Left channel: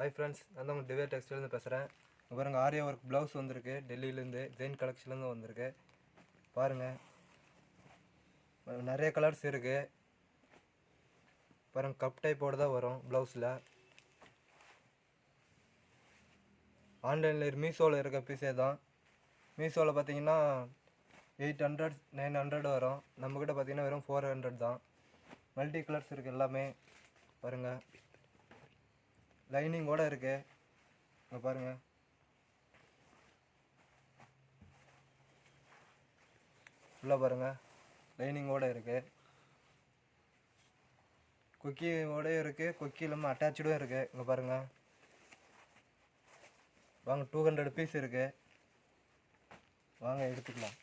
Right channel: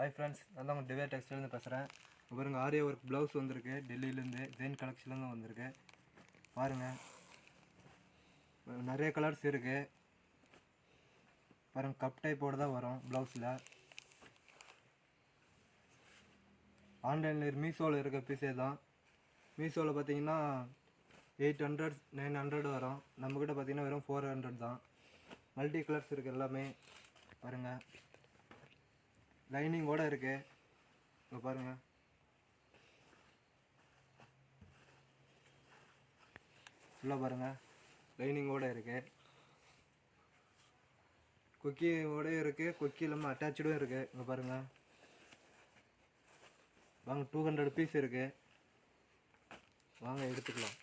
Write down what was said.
Hi friends, நான் தான் உங்கள் டிவே டெக்ஸ்டைல்லேருந்து பேசுகிறேன். பாருங்க, ஆரியா ஒர்க் ப்ளவுஸ் வந்திருக்கு. டெல்லியிலேருந்து ஜெயின் கலெக்ஷன்லேருந்து வந்திருக்கு. பாருங்கள், நிறைய கலர்ஸ் இருக்குது. பாருங்கள், கப் டைப்போடு தான் வரும் ப்ளவுஸில். ஆன்லைனில் மீஷோவில் இருக்க பீஸே தான். மீஷோவில் பார்த்தீங்கன்னா 800 900 வரும். நம்மக்கிட்ட பார்த்தீங்கன்னா வெறும் 400 தான். மல்டி கலர்ஸ் இருக்குது எல்லாமே. பாருங்கள், லைனிங்கோடு இருக்குது. இங்கே பாருங்கள், உள்ளே பாருங்கள், லைனிங்கோடு இருக்குது. கொக்கியோடையும் இருக்குது, கொக்கி இல்லாமல் அட்டாச்சுடும் இருக்குது. இங்கே பாருங்கள், வாங்க 200 பீஸ் இருக்குது. வாங்க எடுத்துக்கலாம்.